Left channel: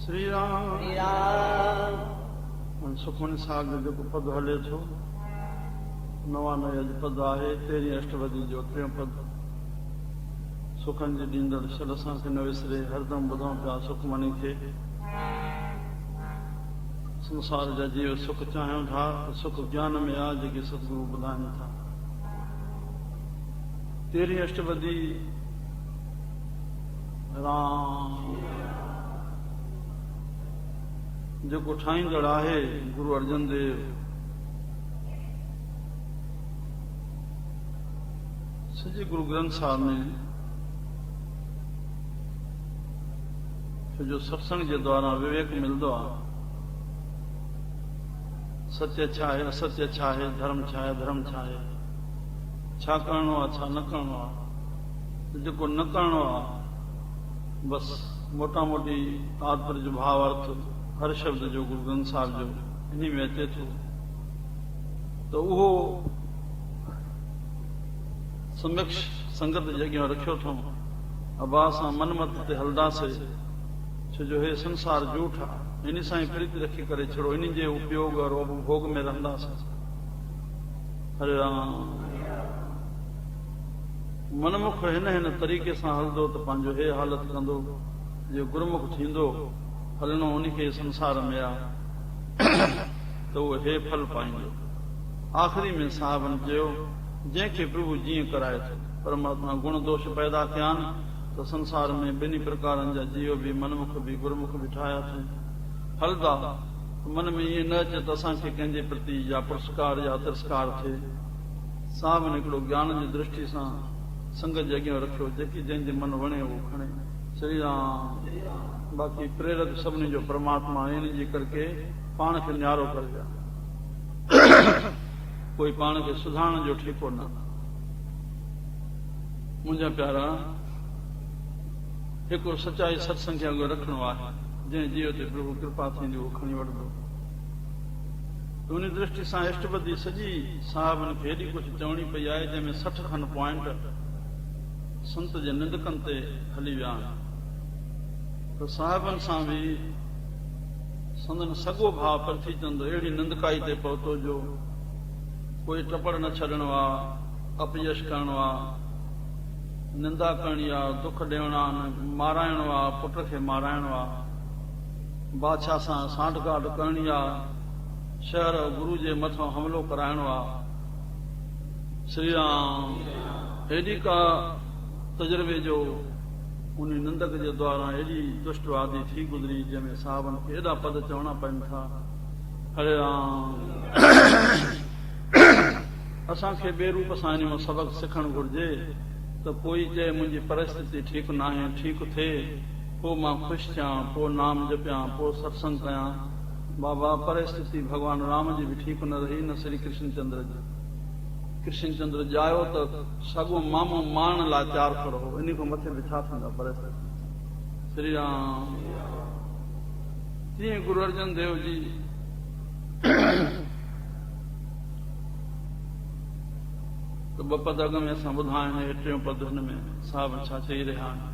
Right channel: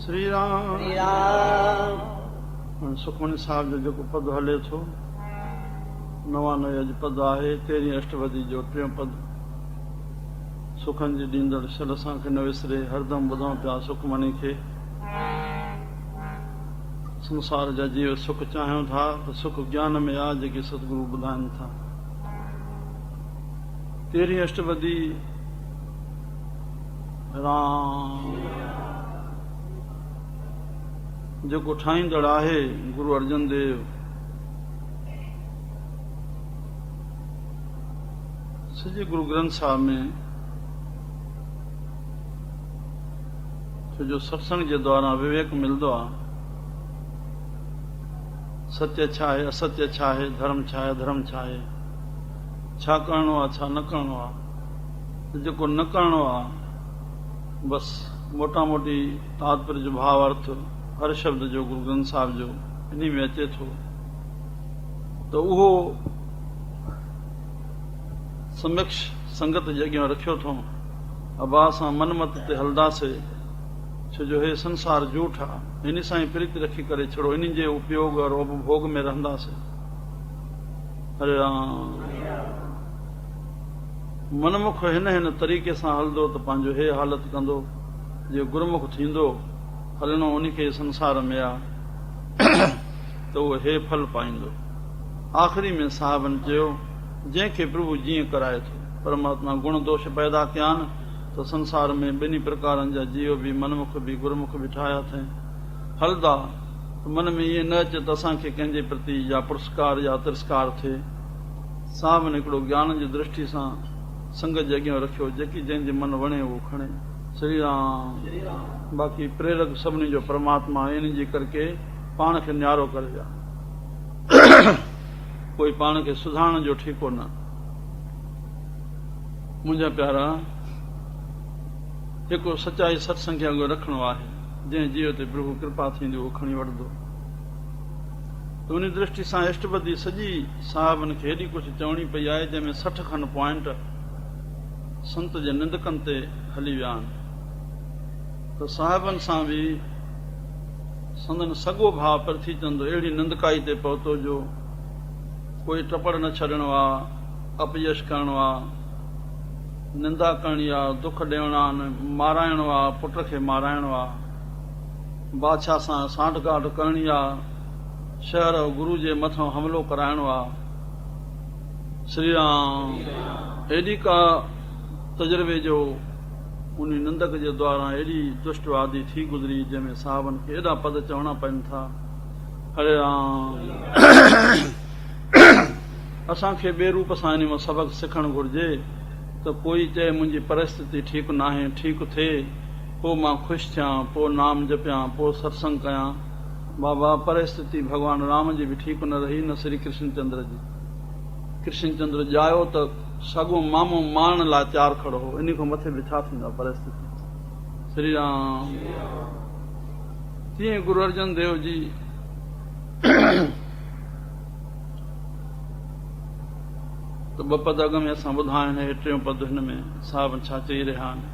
श्री राम सुखमनी साहिब जो जेको पद हले थो 99 अॼु पद आहे 13 अष्टपदी जो 3 पद सुखन जी ॾींदड़ शल असांखे न विसरे हरदम ॿुधूं पिया सुखमनी खे संसार जा जीव सुख चाहियूं था त सुख ज्ञान में आहे जेके सतगुरु ॿुधाइनि था 13 अष्टपदी राम जेको ठाहींदड़ आहे गुरु अर्जन देव सॼे गुरु ग्रंथ साहिब में जो सत्संग जे द्वारा विवेक मिलंदो आहे सत्य छा आहे असत्य छा आहे धर्म छा आहे अधर्म छा आहे छा करणो आहे छा न करणो आहे जेको न करणो आहे बस मोटा मोटी तात्पर्य जो भाव अर्थ हर शब्द जो गुरु ग्रंथ साहिब जो इन में अचे थो तो उहो समक्ष संगत जे अॻियां रखियो अथऊं अबा सां मनमत ते हलंदासीं छो जो हे संसार झूठ आहे इन सां ई प्रीति रखी करे छड़ो इन जे उपयोग और उपभोग में रहंदासीं हरे राम मनमुख हिन तरीक़े सां हलंदो त पंहिंजो हे हालत कंदो जो गुरमुख थींदो हलणो उनखे संसार में आहे त उहो हे फल पाईंदो आख़िरी में साहिबनि चयो जंहिंखे प्रभु जीअं कराए थो परमात्मा गुण दोष पैदा कया आहिनि त संसार में ॿिन्ही प्रकारनि जा जीव बि मनमुख बि गुरमुख बि ठाहिया अथई हलंदा मन में ईअं न अचे त असांखे कंहिंजे प्रति या पुरस्कार या तिरस्कार थिए साहिबनि हिकिड़ो ज्ञान जी दृष्टि सां संगत जे अॻियां रखियो जेकी जंहिंजे मन वणे उहो खणे श्री राम बाक़ी प्रेरक सभिनी जो परमात्मा इन जी करके पाण खे न्यारो करे जा कोई पाण खे सुधारण जो ठीको न मुंहिंजा प्यारा हिकिड़ो सचाई सत्संग खे अॻु रखिणो आहे जंहिं जीव ते प्रभु कृपा थींदी उहो खणी वठंदो त उन दृष्टि सां अष्टपदी सॼी साहिबनि खे हेॾी कुझु चवणी पई आहे जंहिंमें 60 खनि पॉइंट संत जे निंदकनि ते हली विया आहिनि त साहिबनि सां बि संदन सॻो भाव प्रथी चंदो अहिड़ी निंदकाई ते पहुतो जो कोई टपड़ न छॾिणो आहे अपयश करणो आहे निंदा करणी आहे दुख ॾियणा आहिनि माराइणो आहे पुट खे माराइणो आहे बादशाह सां सांठगांठ करणी आहे शहर गुरु जे मथां हमिलो कराइणो आहे श्री राम एॾी का तजुर्बे जो उन निंदक जे द्वारा एॾी दुष्टवादी थी गुज़री जंहिंमें साहिबनि खे एॾा पद चवणा पवनि था हरे राम असांखे ॿिए रूप सां इन मां सबक़ु सिखणु घुरिजे त कोई चए मुंहिंजी परिस्थिति ठीकु न आहे ठीकु थिए पोइ मां ख़ुशि थियां पोइ नाम जपियां पोइ सत्संग कयां बाबा परिस्थिति भॻवानु राम जी बि ठीकु न रही न श्री कृष्णचंद्र जी कृष्णचंद्र ॼायो त सॻो मामो मारण लाइ तयारु खड़ो हो इन खां मथे बि छा थींदा परिस्थिति श्री राम तीअं गुरु अर्जन देव जी त ॿ पद अॻ में असां ॿुधा आहिनि हे 3 पद हिन में साहिब छा चई रहिया आहिनि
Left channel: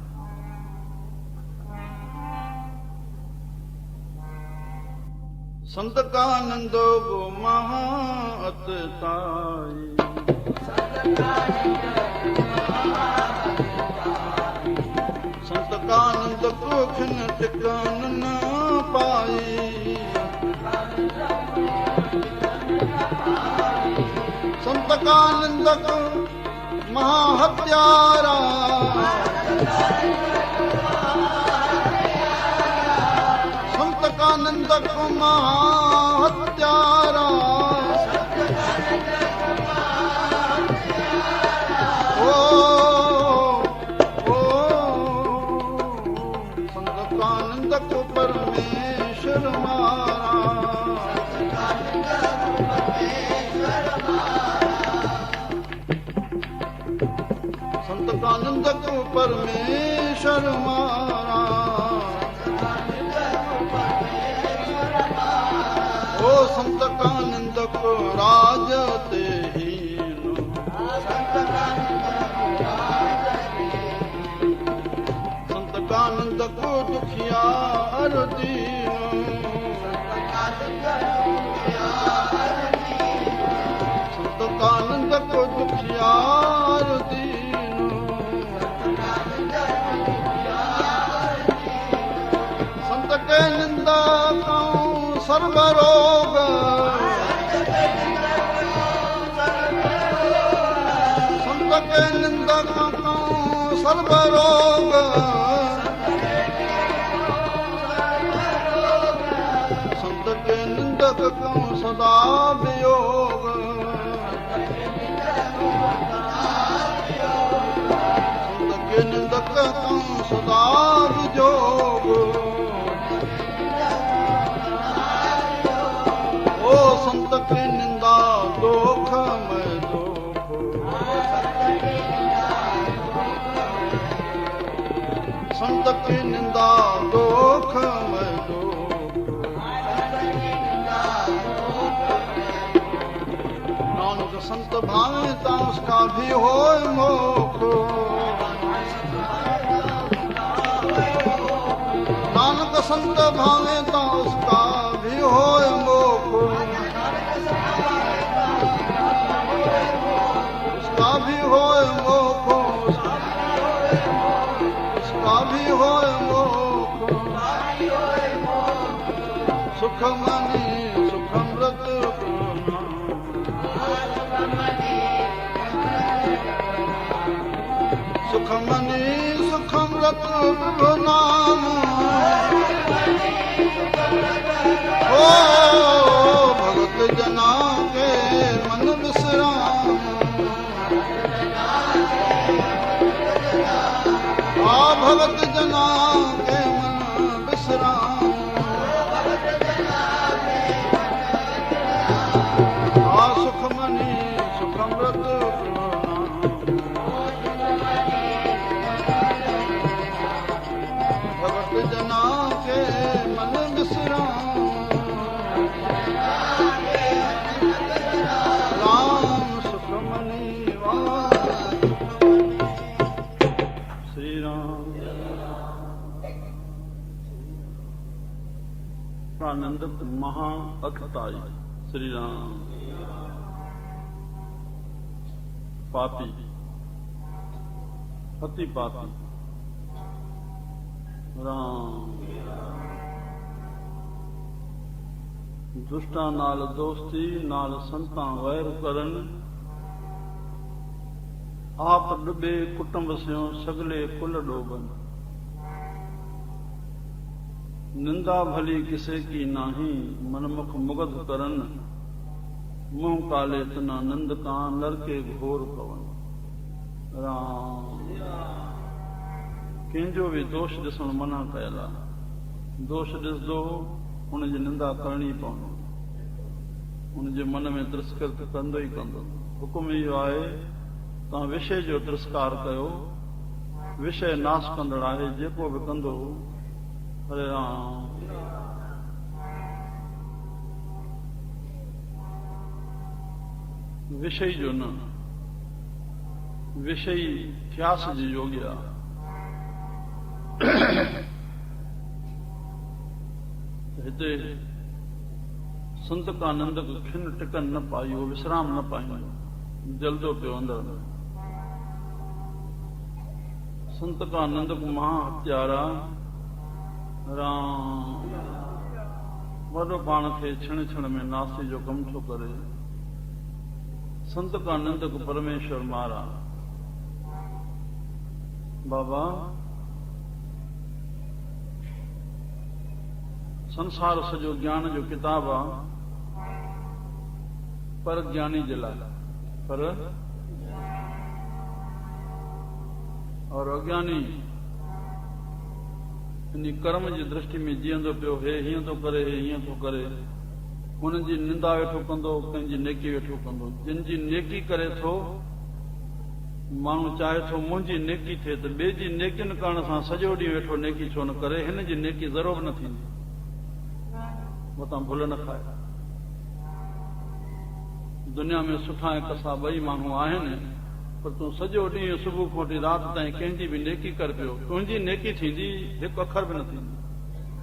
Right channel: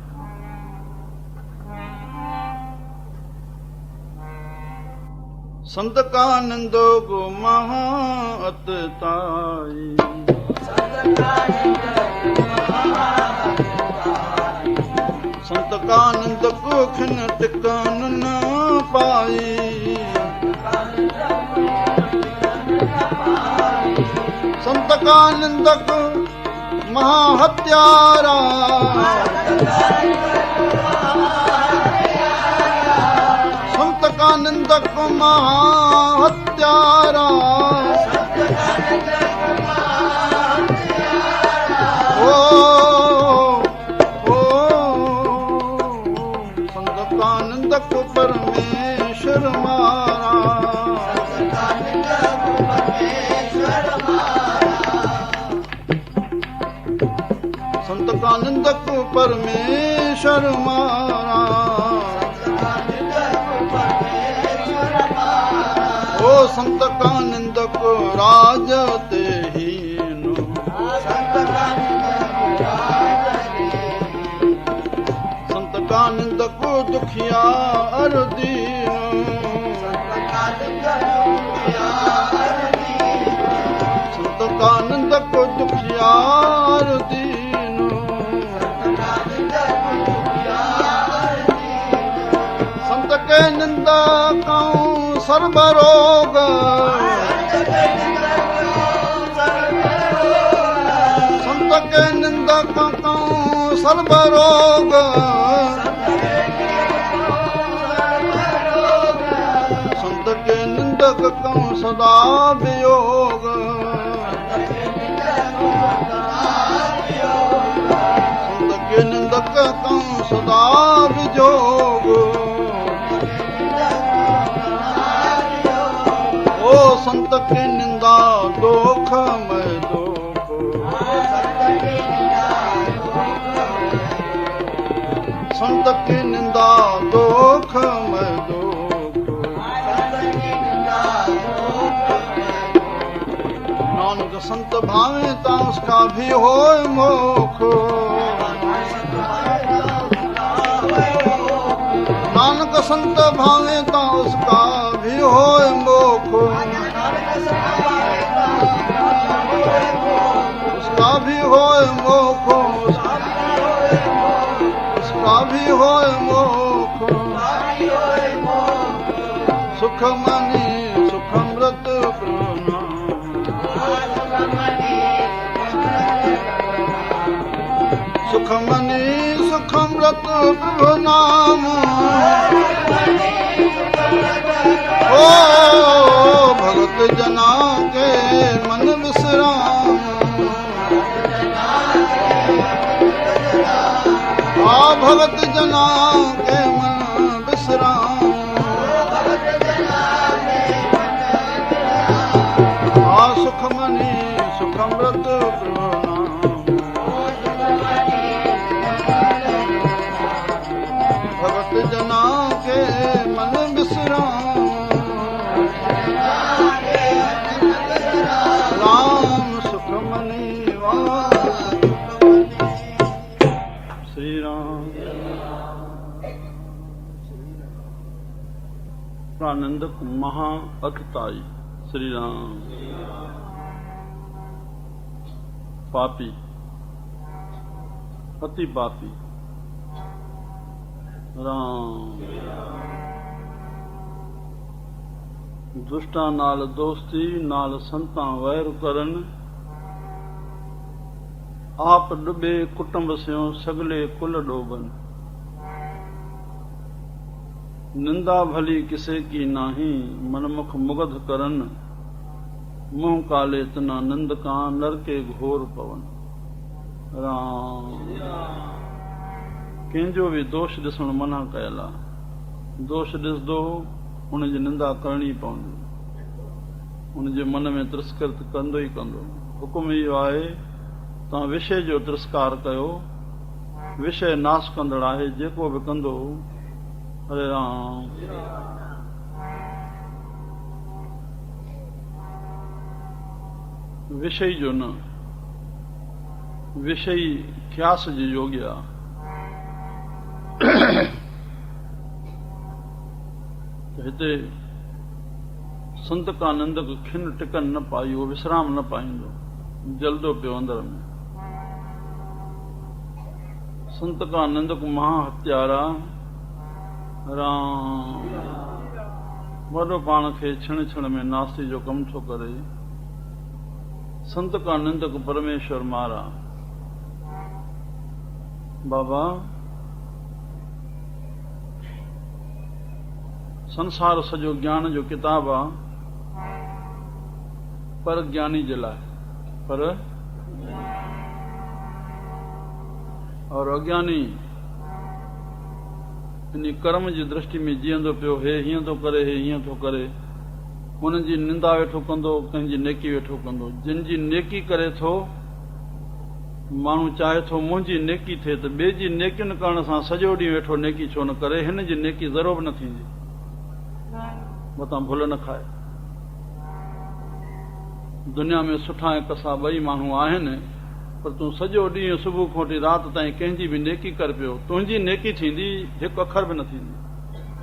संत का नंदो गो महाअत ताई संत का नंद को खिन टिकान न पाई संत का नंदक महाहत्यारा संत का नंदक महाहत्यारा ओ संत का नंदक परमेश्वर मारा संत का नंदक परमेश्वर मारा ओ संत का नंदक राज ते हीन संत का नंदक दुखी दुखिया अरुदीन संत का निंदक दुखिया अरुदीन संत के निंदा कहूँ सर्वरोग संत के निंदा कहूँ सर्वरोग संत के निंदक कहूँ सदा वियोग संत के निंदक कहूँ सदा वियोग ओ संत की निंदा दोख मैं दोख संत की निंदा दोख मैं दोख नानक संत भावे ता उसका भी होय मोख नानक संत भावे ता उसका भी होय मोख उसका भी होय मोख उसका भी होय मोख सुख मनी सुखमृत सुख मनी सुखमृत प्रभु नाम ओ भगत जना के मन विश्राम आ भगत जना के मन विश्राम आ सुखमनी सुखमृत भगत जना के मन विश्राम राम सुखमनी श्री राम प्रानंदक महा अतताई श्री राम पापी अति पापी राम दुष्टां नाल दोस्ती नाल संतां वैर करन आप डुबे कुटुंब स्यों सगले कुल डोबन निंदा भली किसे की नाही मनमुख मुगध करन मुंह काले तना नंद का नरके घोर पवन राम कंहिंजो बि दोष ॾिसण मना कयल आहे दोष ॾिसंदो उनजी निंदा करणी पवंदी उनजे मन में तिरस्कृत कंदो ई कंदो हुकुम इहो आहे तव्हां विषय जो तिरस्कार कयो विषय नाश कंदड़ आहे जेको बि कंदो हरे राम विषय जो न विषय ख्यास जी योग्य आहे हिते संत का नंदक खिन टिकन न पाइयो विश्राम न पाईंदो जल्दो पियो अंदर में संत का नंदक महा हत्यारा राम वॾो पाण खे क्षण क्षण में नास्ती जो कम थो करे संत का नंदक परमेश्वर मारा बाबा संसार सॼो ज्ञान जो किताब आहे पर ज्ञानी जे लाइ पर और अज्ञानी इन कर्म जी दृष्टि में जीअंदो पियो हे हीअं थो करे हे हीअं थो करे हुननि जी निंदा वेठो कंदो कंहिंजी नेकी वेठो कंदो जिन जी नेकी करे थो माण्हू चाहे थो मुंहिंजी नेकी थिए त ॿिए जी नेकियुनि करण सां सॼो ॾींहुं वेठो नेकी छो न करे हिन जी नेकी ज़रो बि न थींदी मतां भुल न खाए दुनिया में सुठा ऐं कसा ॿई माण्हू आहिनि पर तूं सॼो ॾींहुं सुबुह खां वठी राति ताईं कंहिंजी बि नेकी कर पियो तुंहिंजी नेकी थींदी हिकु अखर बि न थींदी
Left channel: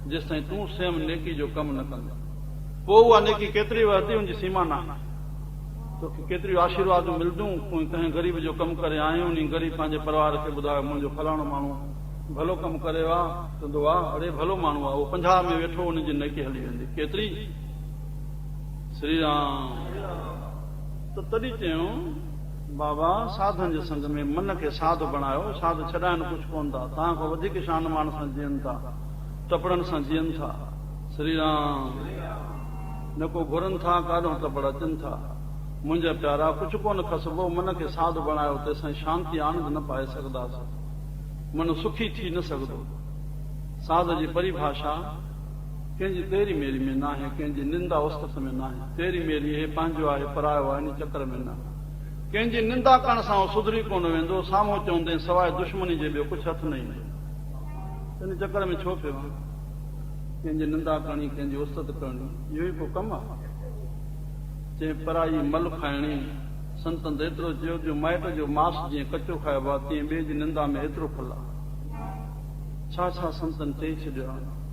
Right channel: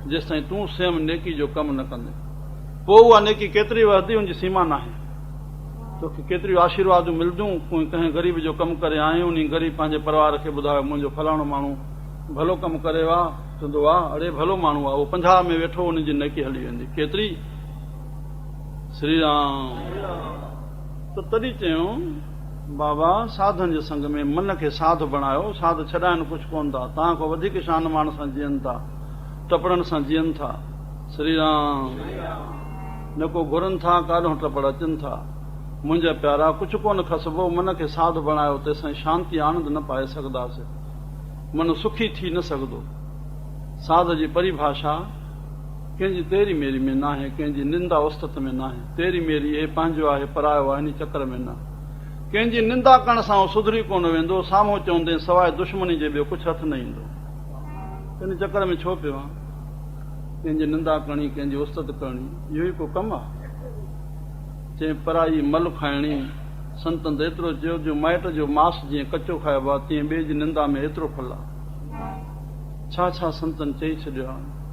जेसि ताईं तूं स्वयं नेकी जो कमु न कंदे। पोइ उहा नेकी केतिरी वधंदी हुनजी सीमा न आहे। तोखे केतिरियूं आशीर्वादूं मिलंदियूं, कोई कंहिं ग़रीब जो कमु करे आयूं, उन ग़रीब पंहिंजे परिवार खे ॿुधायो मुंहिंजो फलाणो माण्हू भलो कमु करे आहे, चवंदो आहे अरे भलो माण्हू आहे, उहो 50 में वेठो, उनजी नेकी हली वेंदी केतिरी। श्री राम। त तॾहिं चयूं बाबा साधन जे संग में मन खे साधु बणायो। साधु छॾाइनि कुझु कोन था, तव्हां खां वधीक शान मान सां जीअनि था, टपड़नि सां जीअनि था। श्री राम। न को घुरनि था, काॾों टपड़ अचनि था। मुंहिंजा प्यारा कुझु कोन खसबो, मन खे साधु बणायो, तेसां शांती आनंद न पाए सघंदासीं, मन सुखी थी न सघंदो। साध जी परिभाषा कंहिंजी तेरी मेरी में न आहे, कंहिंजी निंदा उस्तत में न आहे। तेरी मेरी हे पंहिंजो आहे, परायो आहे, इन चकर में न। कंहिंजी निंदा करण सां सुधरी कोन वेंदो, साम्हूं चवंदे सवाइ दुश्मनी जे ॿियो कुझु हथु न ईंदो। इन चकर में छो पियो आहे? कंहिंजी निंदा करणी, कंहिंजी उस्तत करणी, इहो ई को कमु आहे? चई पराई मल खाइणी। संतनि त एतिरो चयो जो माइट जो मांस जीअं कचो खाइबो आहे, तीअं ॿिए जी निंदा में एतिरो फल आहे। छा छा संतनि चई छॾियो आहे।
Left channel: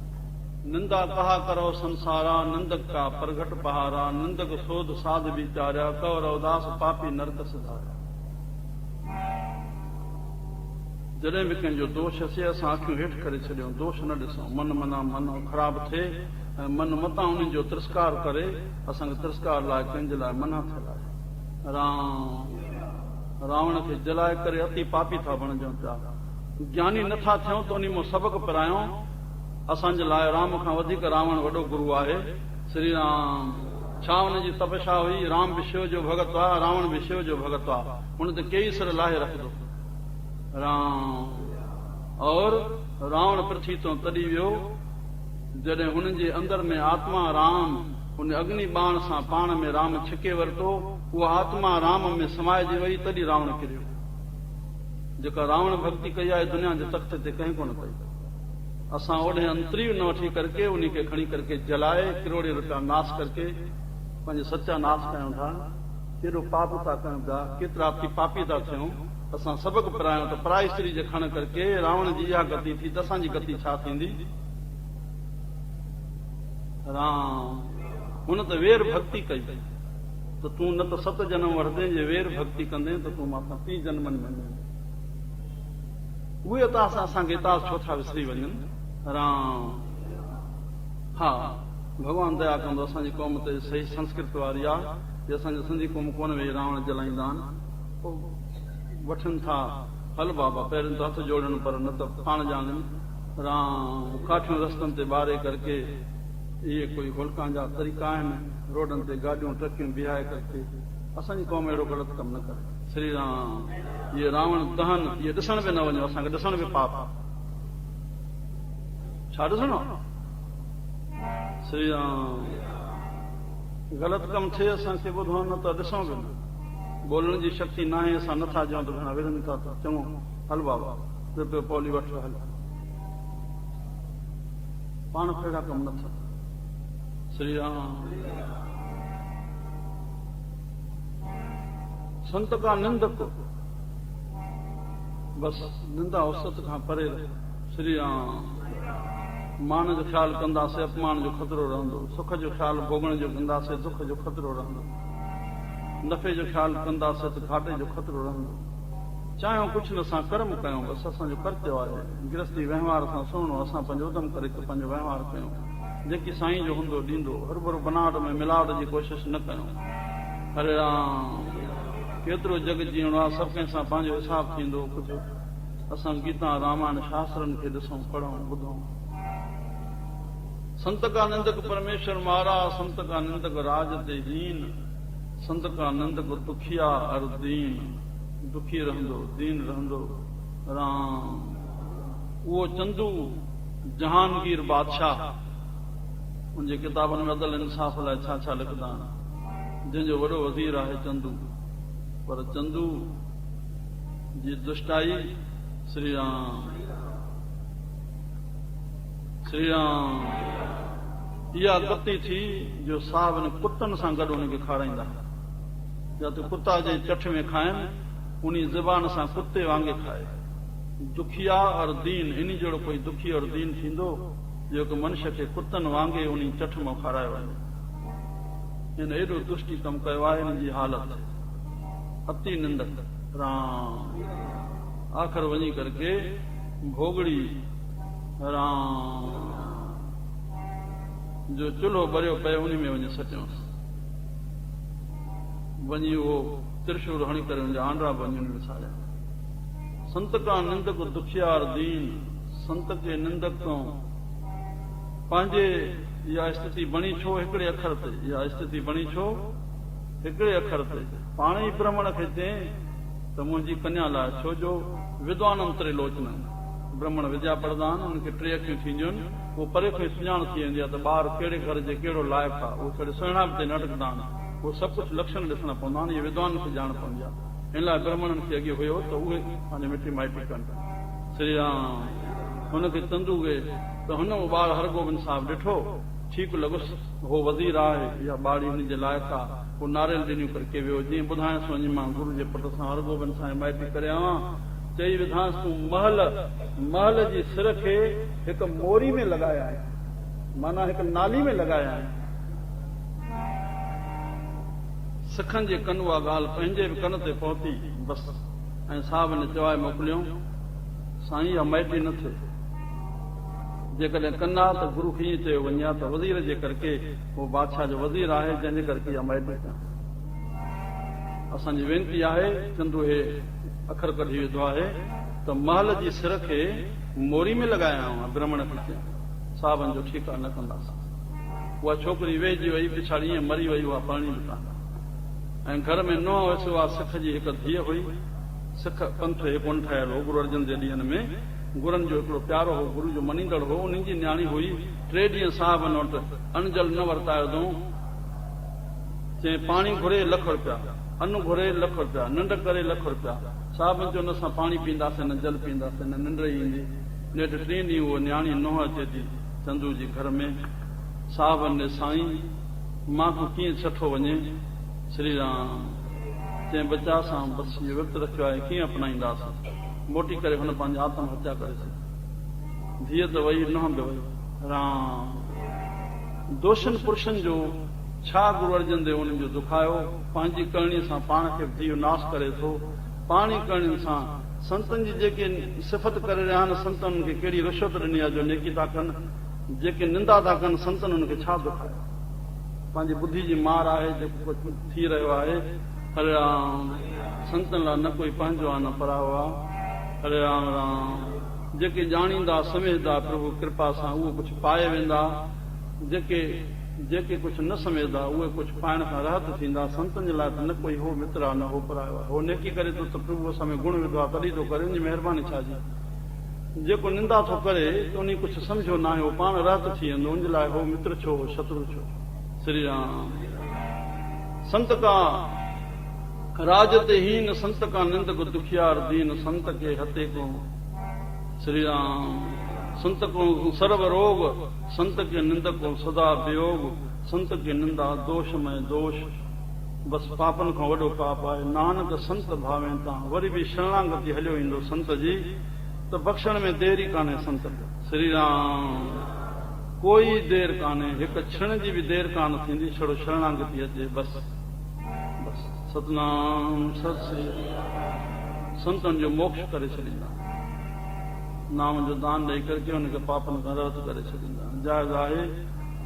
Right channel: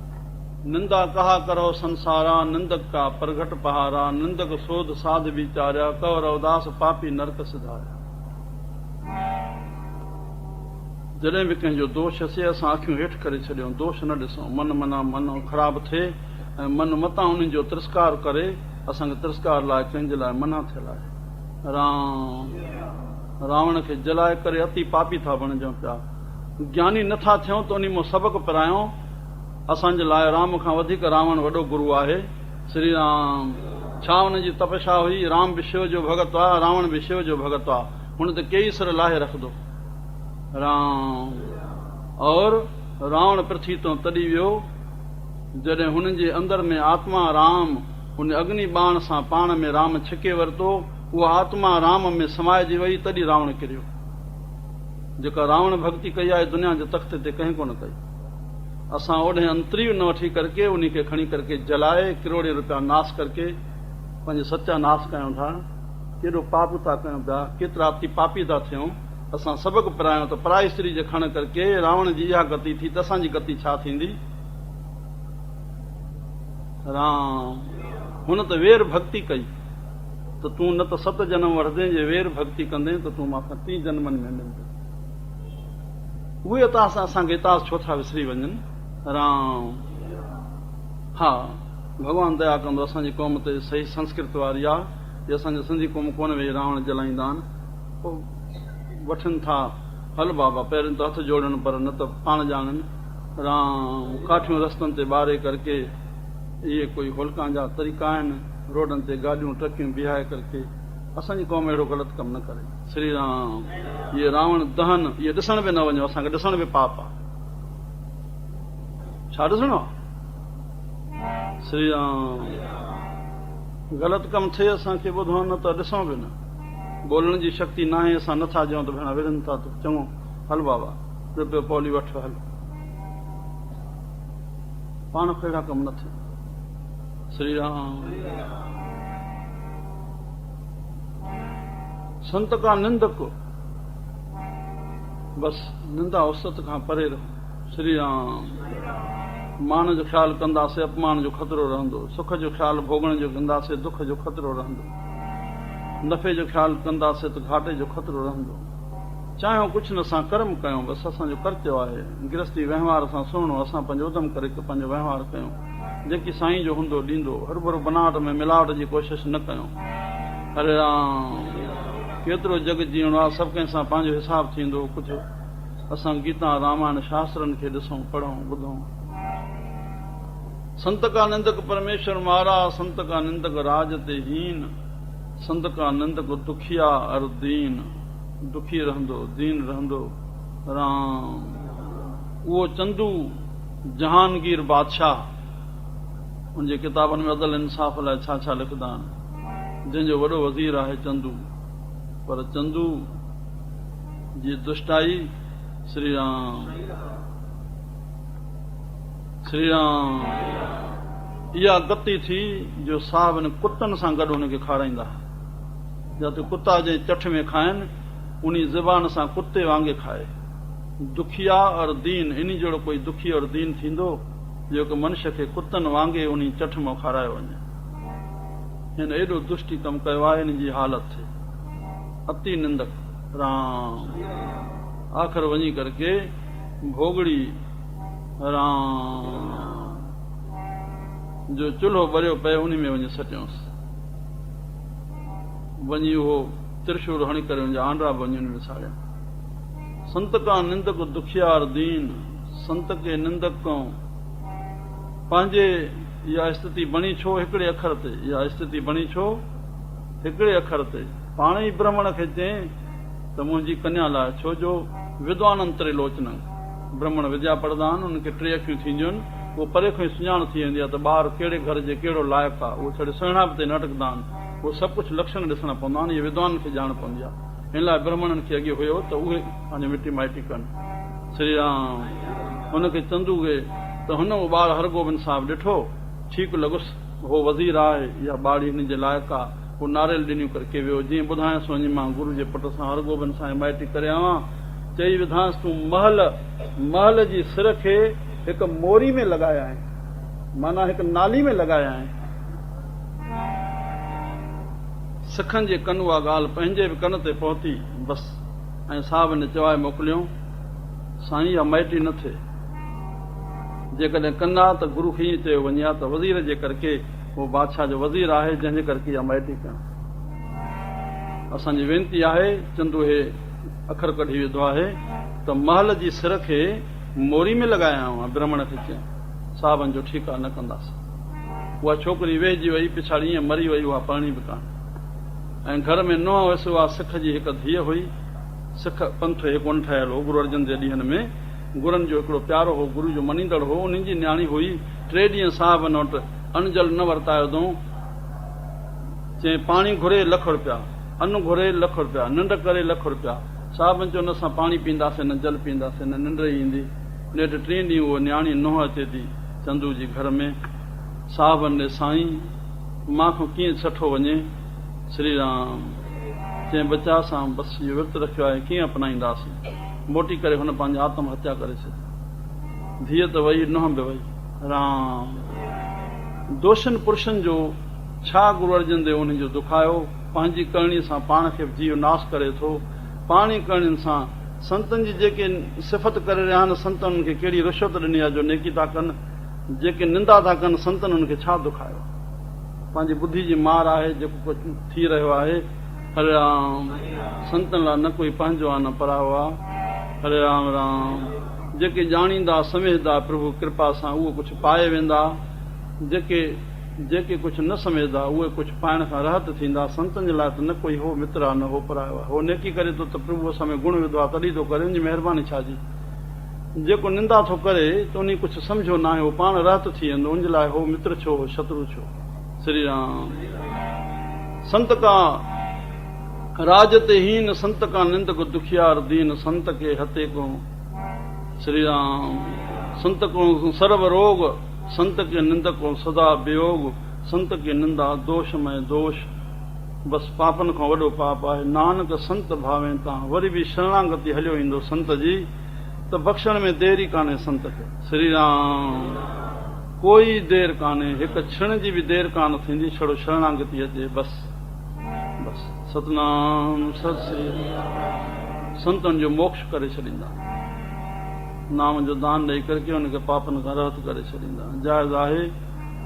निंदा कहा करो संसारा, निंदक का प्रगट पहारा, निंदक सोध साध विचारिया, कवर उदास पापी नरक सिधारिया। जॾहिं बि कंहिंजो दोष अचे असां अखियूं हेठि करे छॾियूं, दोष न ॾिसूं। मन ख़राबु थिए ऐं मन मतां उन्हनि जो तिरस्कार करे, असांखे तिरस्कार लाइ कंहिंजे लाइ मना थियल आहे। रावण खे जलाए करे अति पापी था बणिजूं पिया। ज्ञानी नथा थियूं त उन मां सबक़ु पिरायूं। असांजे लाइ राम खां वधीक रावण वॾो गुरू आहे। श्री राम। छा हुनजी तपस्या हुई? राम बि शिव जो भॻत आहे, रावण बि शिव जो भॻत आहे। हुन त कई सिर लाहे रखंदो राम। और रावण पृथ्वी तो तॾहिं वियो जॾहिं हुननि जे अंदर में आत्मा राम उन अग्नि बाण सां पाण में राम छिके वरितो। उहा आत्मा राम में समाइजी वई, तॾहिं रावण किरियो। जेका रावण भक्ति कई आहे दुनिया जे तख़्त ते कंहिं कोन कई। असां ओॾे अंतरी न वठी करके उन खे खणी करके जलाए करोड़े रुपया नाश करके पंहिंजे सचा नाश कयूं था। केॾो पाप था कयूं पिया, केतिरा अति पापी था थियूं। असां सबक़ु पिरायूं त पराई स्त्री जे खण करके रावण जी इहा गति थी, त असांजी गति छा थींदी? राम। हुन त वेर भक्ति कई त तूं न त 7 जन्म वठंदे, जे वेर भक्ति कंदे त तूं मूंखां 30 जन्मनि में मिलंदे। उहे त असांखे इतास छो था विसरी वञनि? राम। हा, भॻवान दया कंदो। असांजी क़ौम ते सही संस्कृत वारी आहे। जे असांजी सिंधी क़ौम कोन वेही रावण जलाईंदा आहिनि, पोइ वठनि था हल बाबा पहिरियों त हथ जोड़नि, पर न त पाण ॼाणनि। राम। काठियूं रस्तनि ते ॿारे करके इहे कोई होलकां जा तरीक़ा आहिनि। रोडनि ते गाॾियूं ट्रकियूं बीहाए करके असांजी क़ौम अहिड़ो ग़लति कमु न करे। श्री राम। इहे रावण दहन इहे ॾिसण बि न वञो, असांखे ॾिसण बि पाप आहे। छा ॾिसणो आहे? श्री राम। ग़लति कमु थिए असांखे ॿुधो, न त ॾिसणो बि न। बोलण जी शक्ति न आहे, असां नथा चऊं त भेण विढ़नि था, त चऊं हल बाबा रुपयो पौली वठ हल। पाण खे अहिड़ा कमु न थियनि। श्री राम। संत का निंदक बसि निंदा उस्तत खां परे रहे। श्री राम। मान जो ख़्यालु कंदासीं, अपमान जो ख़तरो रहंदो। सुख जो ख़्यालु भोगण जो कंदासीं, दुख जो ख़तरो रहंदो। नफ़े जो ख़्यालु कंदासीं त घाटे जो ख़तरो रहंदो। चाहियूं कुझु न, असां कर्म कयूं, बसि असांजो कर्तव्य आहे। गृहस्थी वहिंवार सां सुहिणो, असां पंहिंजो उधम करे पंहिंजो वहिंवार कयूं। जेकी साईं जो हूंदो ॾींदो। हरभरो बनावट में मिलावट जी कोशिशि न कयूं। हरे राम। केतिरो जग जीअणो आहे, सभु कंहिं सां पंहिंजो हिसाबु थींदो। कुझु असां गीता रामायण शास्त्रनि खे ॾिसूं, पढ़ूं, ॿुधूं। संत का निंदक परमेश्वर मारा, संत का निंदक राज ते हीन, संत का निंदक दुखिया अर दीन। दुखी रहंदो, दीन रहंदो। राम। उहो चंदू जहांगीर बादशाह उनजे किताबनि में अदल इंसाफ़ लाइ छा छा लिखंदा आहिनि। जंहिंजो वॾो वज़ीर आहे चंदू, पर चंदू जी दुष्टाई। श्री राम। श्री राम। इहा गति थी जो साहब ने कुतनि सां गॾु हुनखे खाराईंदा। जिते कुता जे चठ में खाइनि, उन ज़बान सां कुते वांगुरु खाए। दुखिया और दीन, इन जहिड़ो कोई दुखी और दीन थींदो जेको मनुष्य खे कुतनि वांगे उन चठ मां खारायो वञे। हिन एॾो दुष्टी कमु कयो आहे, हिन जी हालत अति निंदक राम। आख़िर वञी करके भोगड़ी राम जो चुल्हो ॿरियो पए उन में वञी सटियोसि। वञी उहो त्रिशूल हणी करे उनजा आंडा बि वञी उन में साड़िया। संत का निंदक दुखियार दीन, संत के निंदक तो पंहिंजे इहा स्थिति बणी छो हिकिड़े अखर ते, इहा स्थिति बणी छो हिकिड़े अखर ते। पाण ई ब्राह्मण खे चई त मुंहिंजी कन्या लाइ, छो जो विद्वाननि त्रिलोचननि, ब्राह्मण विद्या पढ़ंदा आहिनि, उनखे 3 अखियूं थींदियूं आहिनि, उहो परे खां ई सुञाण थी वेंदी आहे त ॿार कहिड़े घर जे कहिड़ो लाइक़ु आहे। उहो छड़े सुहिणा ते न अटकंदा आहिनि, उहो सभु कुझु लक्षण ॾिसणा पवंदा आहिनि। इहे विद्वान खे ॼाण पवंदी आहे। इन लाइ ब्राह्मणनि खे अॻे हुयो त उहे पंहिंजी मिटी माइटी कनि। श्री राम हुनखे चंदू खे त हुन उहो ॿार हरगोबिंद साहिबु ॾिठो, ठीकु लॻुसि, उहो वज़ीर आहे, इहा ॿाड़ी हिन जे लाइक़ु आहे। पोइ नारियल ॾिनियूं करके वियो, जीअं ॿुधायांसि वञी मां गुरू जे पुट सां हरगोबिंद सां माइटी करे आवां। चई विधांसि तूं महल जी सिर खे हिकु मोरी में लॻाया आहिनि, माना हिकु नाली में लॻाया आहिनि। सिखनि जे कनि उहा ॻाल्हि पंहिंजे बि कन ते पहुती बसि। ऐं साहिब ने चवाए मोकिलियऊं, साईं इहा माइटी न थिए। जेकॾहिं कंदा त गुरू खे ईअं चयो वञे हा त वज़ीर जे करके उहो बादशाह जो वज़ीर आहे, जंहिंजे करके इहा माइटी कनि। असांजी वेनती आहे, चंदू हे अखर कढी विधो आहे त महल जी सिर खे मोरी में लॻाया हुआ। ब्राह्मण खे चयऊं, साहिबनि जो ठीकु आहे, न कंदासीं। उहा छोकिरी वेहिजी वई, पिछाड़ी ईअं मरी वई, उहा पढ़णी बि कान। ऐं घर में नुंहुं हुयसि, उहा सिख जी हिकु धीअ हुई। सिख पंथ हिकु कोन ठहियल हो। गुरू अर्जन जे ॾींहंनि में गुरनि जो हिकिड़ो प्यारो हो, गुरू जो मञींदड़ हो, उन जी न्याणी हुई। 3 ॾींहं साहिबनि वटि अनजल न वरतायो अथऊं। चई पाणी घुरे ₹1,00,000, अन्न घुरे ₹1,00,000, निंड करे ₹1,00,000। साहिबनि चयो न असां पाणी पींदासीं, न जल पींदासीं, न निंड ईंदी। नेठि 3 ॾींहं उहो न्याणी नुंहुं अचे थी चंदू जी घर में। साहिबनि ॾे साईं मां खां कीअं छठो वञे। श्री राम चई बचा सां बसि इहो विर्त रखियो आहे, कीअं अपनाईंदासीं। मोटी करे हुन पंहिंजी आत्म हत्या करे छॾी। धीअ त वई, नुंहुं बि वई। राम दोषनि पुरुषनि जो छा गुरू अर्जन देव उन जो दुखायो। पंहिंजी करणी सां पाण खे जीव नाश करे थो। पाण ई करणियुनि सां संतनि जी जेके सिफ़त करे रहिया आहिनि, संतनि खे कहिड़ी रिश्वत ॾिनी आहे जो नेकी था कनि। जेके निंदा था कनि संतनि उनखे छा दुखायो। पंहिंजी बुद्धि जी मार आहे जेको कुझु थी रहियो आहे। हरे राम संतनि लाइ न कोई पंहिंजो आहे, न परायो आहे। हरे राम राम जेके ॼाणींदा सम्झंदा प्रभु कृपा सां उहो कुझु पाए वेंदा। जेके कुझु न सम्झंदा उहे कुझु पाइण खां रहत थींदा। संतनि जे लाइ त न कोई हो मित्र आहे, न हो परायो आहे। हो नेकी करे थो त प्रभु असां में गुण विधो आहे, तॾहिं थो करे, उनजी महिरबानी छा जी। जेको निंदा थो करे त उन कुझु सम्झो न आहे, उहो पाण रहत थी वेंदो। उनजे लाइ हो मित्र छो, हो शत्रु छो। श्री राम संत का राज ते हीन, संत का निंदक दुखियार दीन, संत के हते को। श्री राम संत को सर्व रोग, संत के निंदक को सदा वियोग। संत के निंदा दोषमय दोष, बसि पापनि खां वॾो पाप आहे। नानक संत भावे तव्हां वरी बि शरणागति हलियो ईंदो संत जी त बख़्शण में देरी कान्हे संत खे। श्री राम कोई देरि कान्हे, हिकु क्षण जी बि देरि कान थींदी, छड़ो शरणागति अचे बसि। सतनाम सत श्री संतनि जो मोक्ष करे छॾींदा। नाम जो दान ॾेई करके हुनखे पापनि खां रहत करे छॾींदा। जाइज़ आहे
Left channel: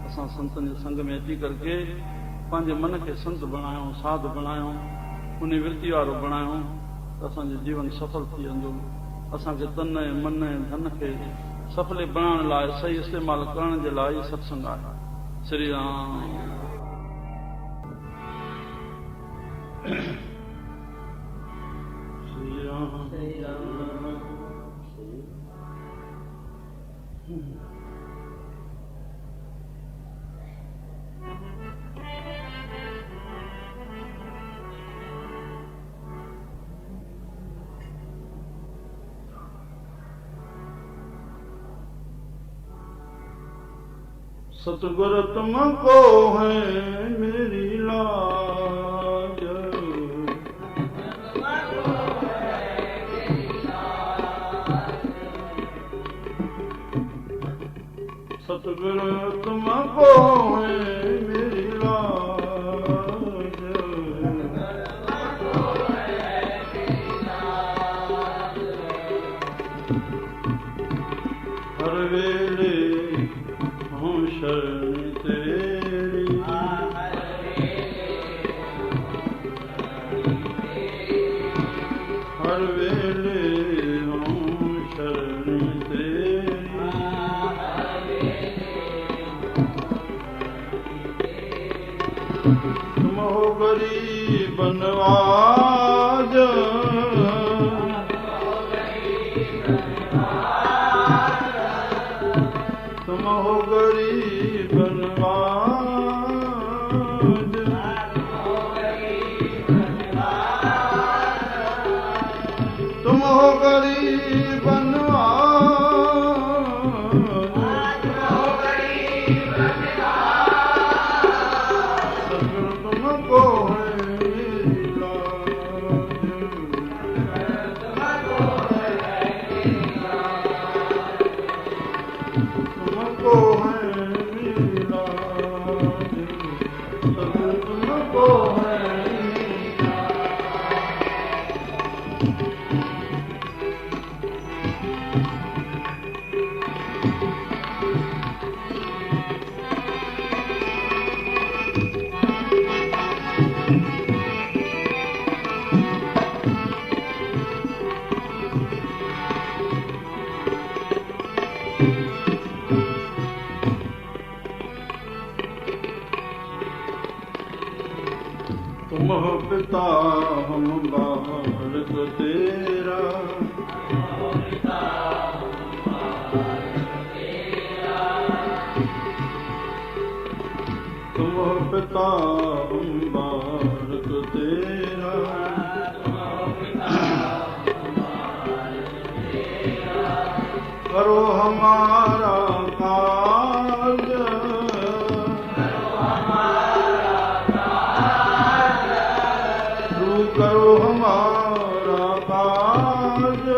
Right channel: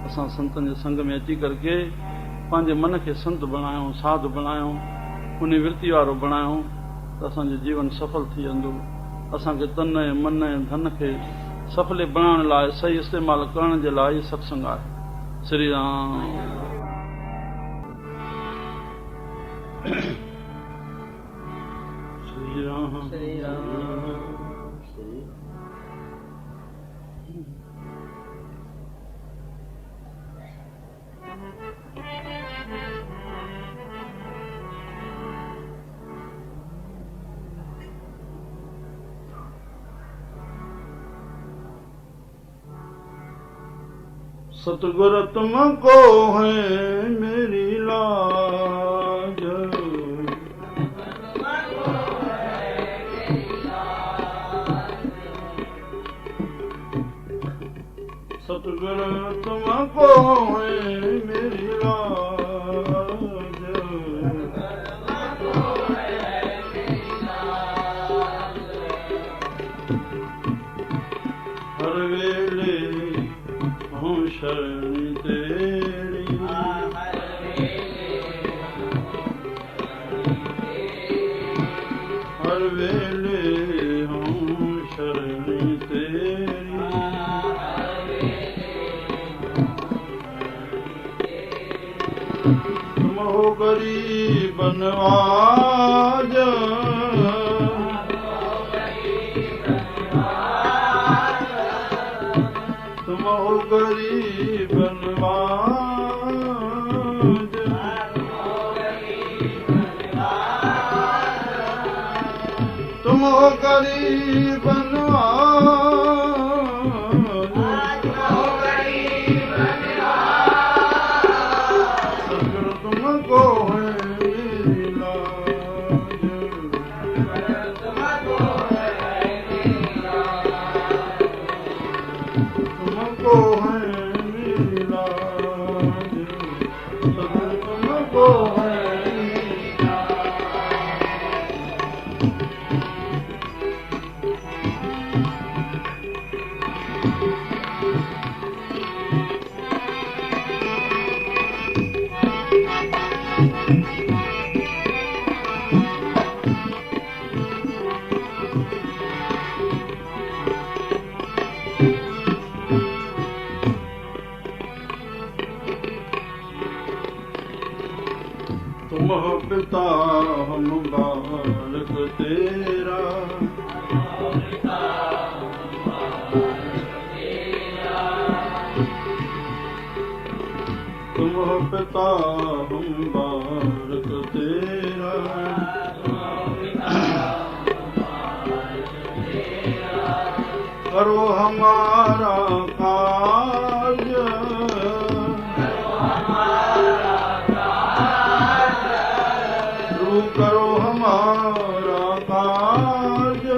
असां संतनि जे संग में अची करके पंहिंजे मन खे संत बणायूं, साधु बणायूं, उन वृत्ति वारो बणायूं त असांजो जीवन सफल थी वेंदो। असांखे तन ऐं मन ऐं धन खे सफल बणाइण लाइ सही इस्तेमालु करण जे लाइ सत्संग आहे। श्री राम श्री राम श्री राम सतगुर तुमको है मेरी लाज, सतगुरु तुमको है मेरी लाज, हर वेले हूँ शरण तेरी, हर वेले हूँ शरण तेरी, तुम हो गरीब नवाज, तुम हो गरीब नवाज, तुम हो गरीब नवाज, सतगुरु तुमको है मेरी लाज, तुमको है मेरी लाज, सतगुरु तुमको है मेरी तुम हो पिता हम बालक तेरा, तुम हो पिता हम बालक तेरा, करो हमारा कार्य, करो हमारा कार्य,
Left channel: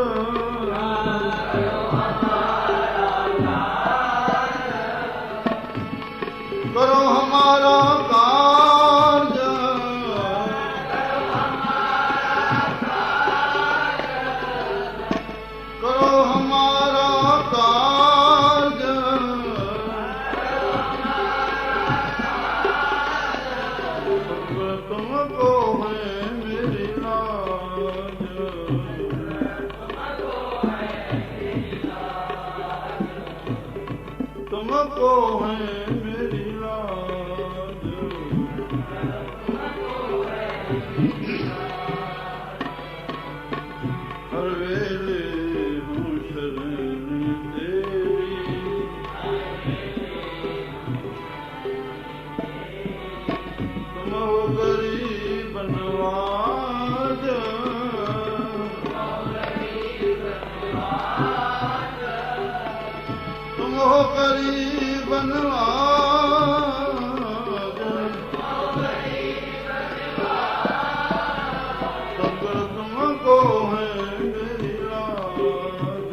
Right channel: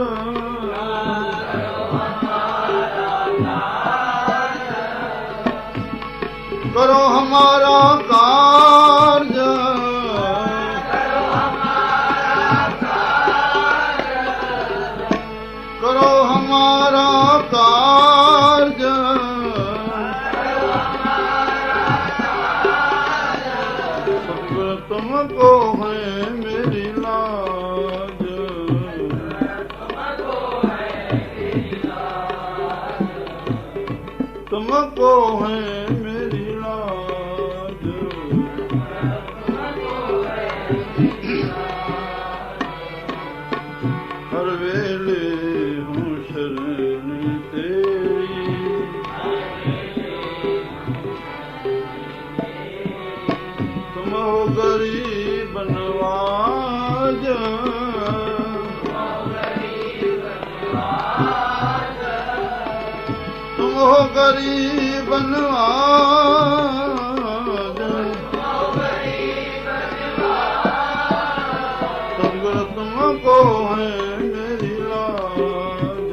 करो हमारा कार्य, करो हमारा कार्य, सतगुरु तुमको है मेरी लाज, तुमको है मेरी लाज, हर वेले हूँ शरण तेरी, तुम हो गरीब नवाज, तुम हो गरीब नवाज, सतगुरु तुमको है मेरी लाज,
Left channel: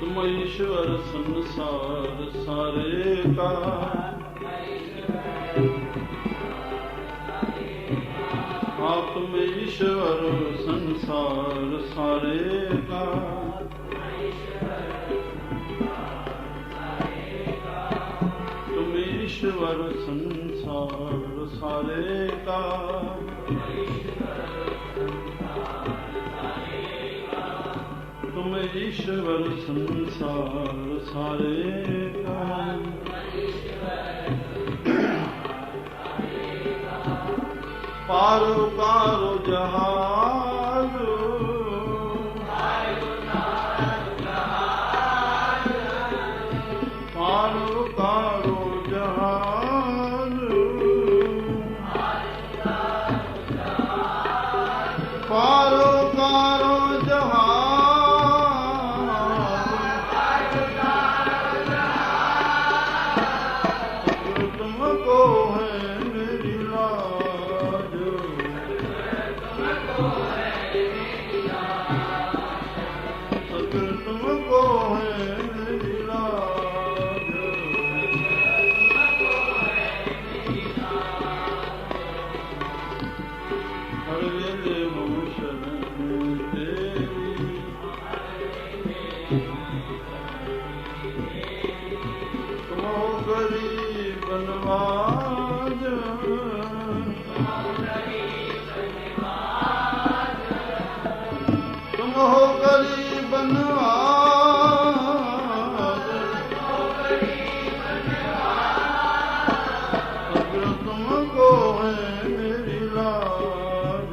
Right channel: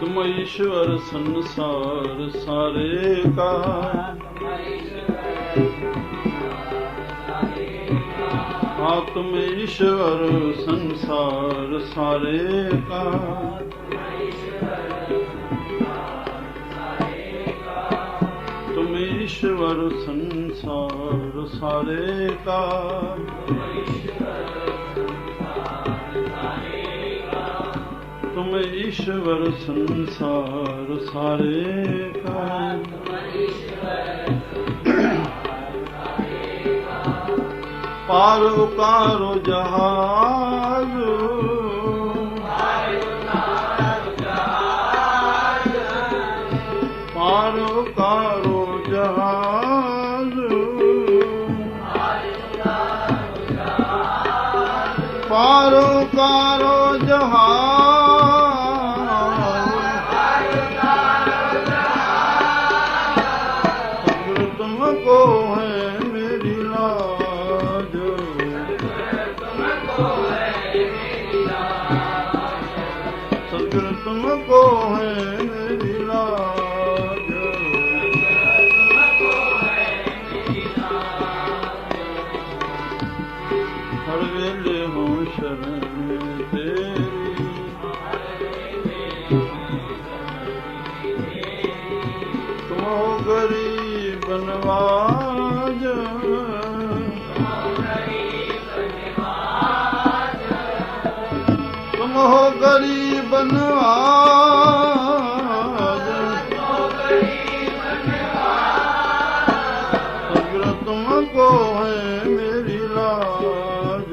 तुम ईश्वर संसार सारे का, हाँ तुम ईश्वर संसार सारे का, तुम ईश्वर संसार सारे का, तुम ईश्वर संसार सारे का, पार उतारो जहाज, पार उतारो जहाज, तुमको है मेरी लाज, सतगुरु तुमको है मेरी लाज, हर वेले हो शरण तेरी, तुम हो गरीब नवाज, तुम हो गरीब नवाज, सतगुरु तुमको है मेरी लाज,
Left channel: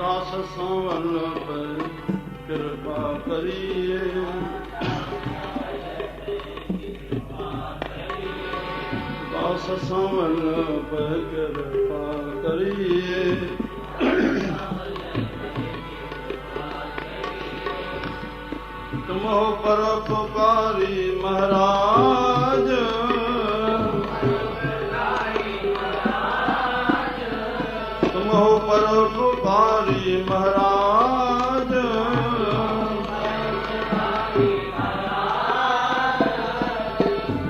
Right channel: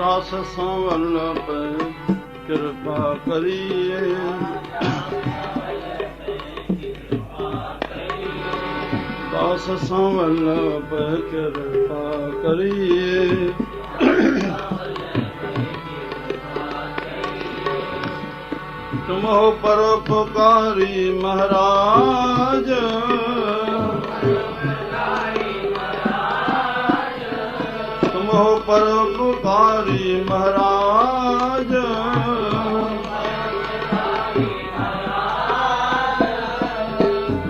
दास सांवल पर कृपा करिए, दास सांवल पर कृपा करिए, तुम हो परोपकारी महाराज, तुम हो परोपकारी महाराज,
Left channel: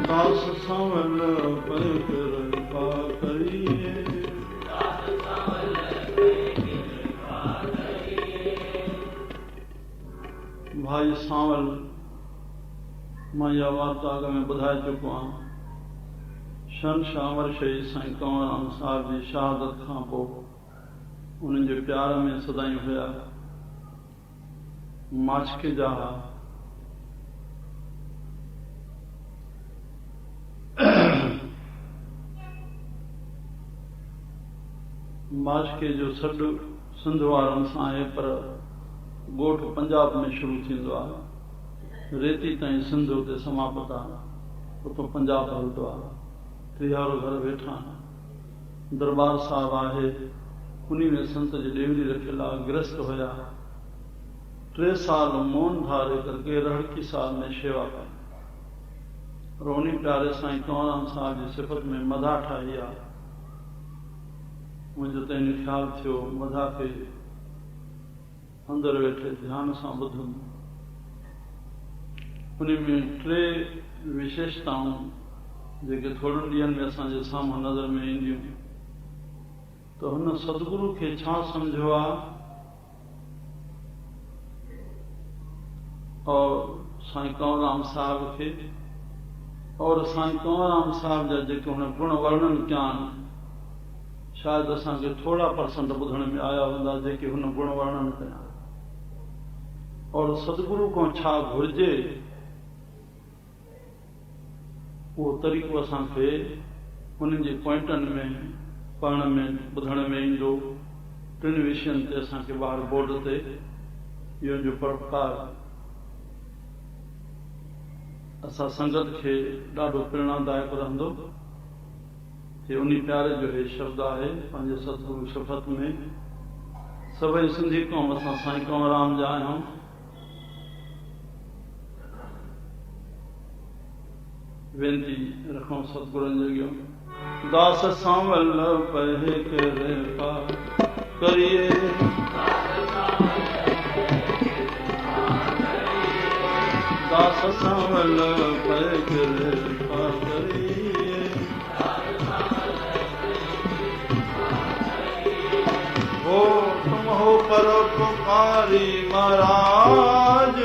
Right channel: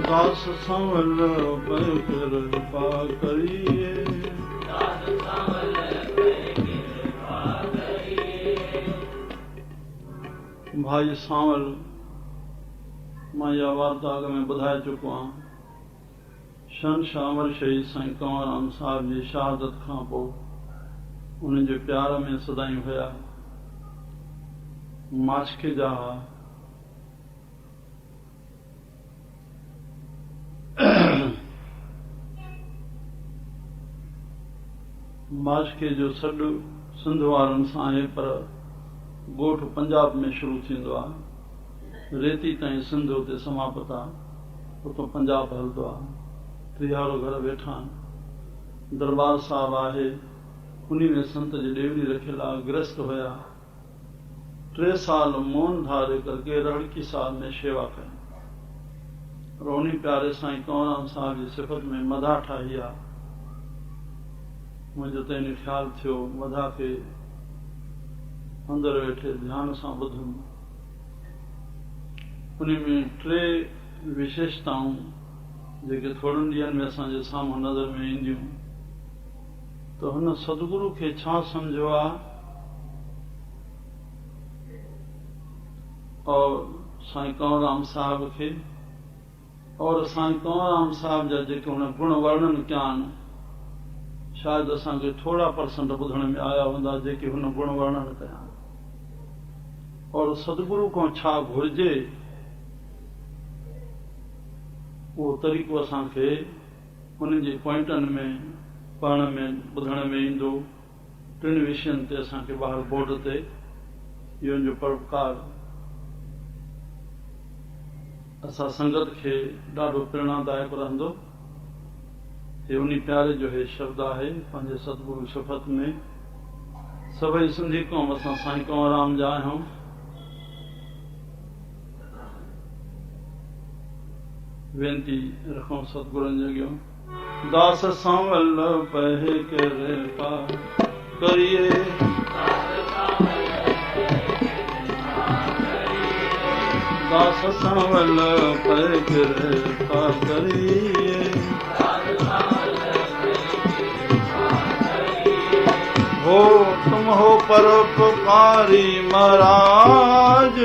दास सांवल पर कृपा करिए, भाई सांवल मां इहा वार्ता अॻ में ॿुधाए चुको आहियां। शहंशाह अमरशही साईं कंवरराम साहिब जी शहादत खां पोइ उन्हनि जे प्यार में सदाईं हुया, माछकी जा हुआ। माछके जो सॾु सिंध वारनि सां आहे, पर ॻोठ पंजाब में शुरू थींदो आहे, रेती ताईं सिंध उते समाप्त आहे, उतां पंजाब हलंदो आहे। 30 घर वेठा आहिनि, दरबार साहिब आहे, उन में संत जी ॾेवरी रखियल आहे, गृहस्थ हुया। 3 साल मौन धारे करके रहड़की साहिब में शेवा कई, और उन प्यारे साईं कंवरराम साहिब जी सिफ़त में मधा ठाही आहे। मुंहिंजो त इन ख़्यालु थियो मधा खे अंदरि वेठे ध्यान सां ॿुधुमि। उन में 3 विशेषताऊं जेके थोड़नि ॾींहंनि में असांजे साम्हूं नज़र में ईंदियूं, त हुन सतगुरु खे छा सम्झो आहे और साईं कंवरराम साहिब खे, और साईं कंवरराम साहिब जा जेके हुन गुण वर्णन कया आहिनि, शायदि असांखे थोड़ा % ॿुधण में आया हूंदा जेके हुन गुण वर्णन कया, और सतगुरु खां छा घुरिजे उहो तरीक़ो असांखे उन्हनि जे पॉइंटनि में पढ़ण में ॿुधण में ईंदो। 3 विषयनि ते असांखे ॿाहिरि बोर्ड ते इहो जो परोपकार असां संगत खे ॾाढो प्रेरणादायक रहंदो। हे उन प्यारे जो हे शब्द आहे पंहिंजे सतगुरु सिफ़त में। सभई सिंधी क़ौम असां साईं कंवरराम जा आहियूं। वेनती रखूं सतगुरनि जे अॻियां, दास सांवल पहे कृपा करिए, दास सांवल पहे कृपा करिए, हो तुम हो परोपकारी महाराज,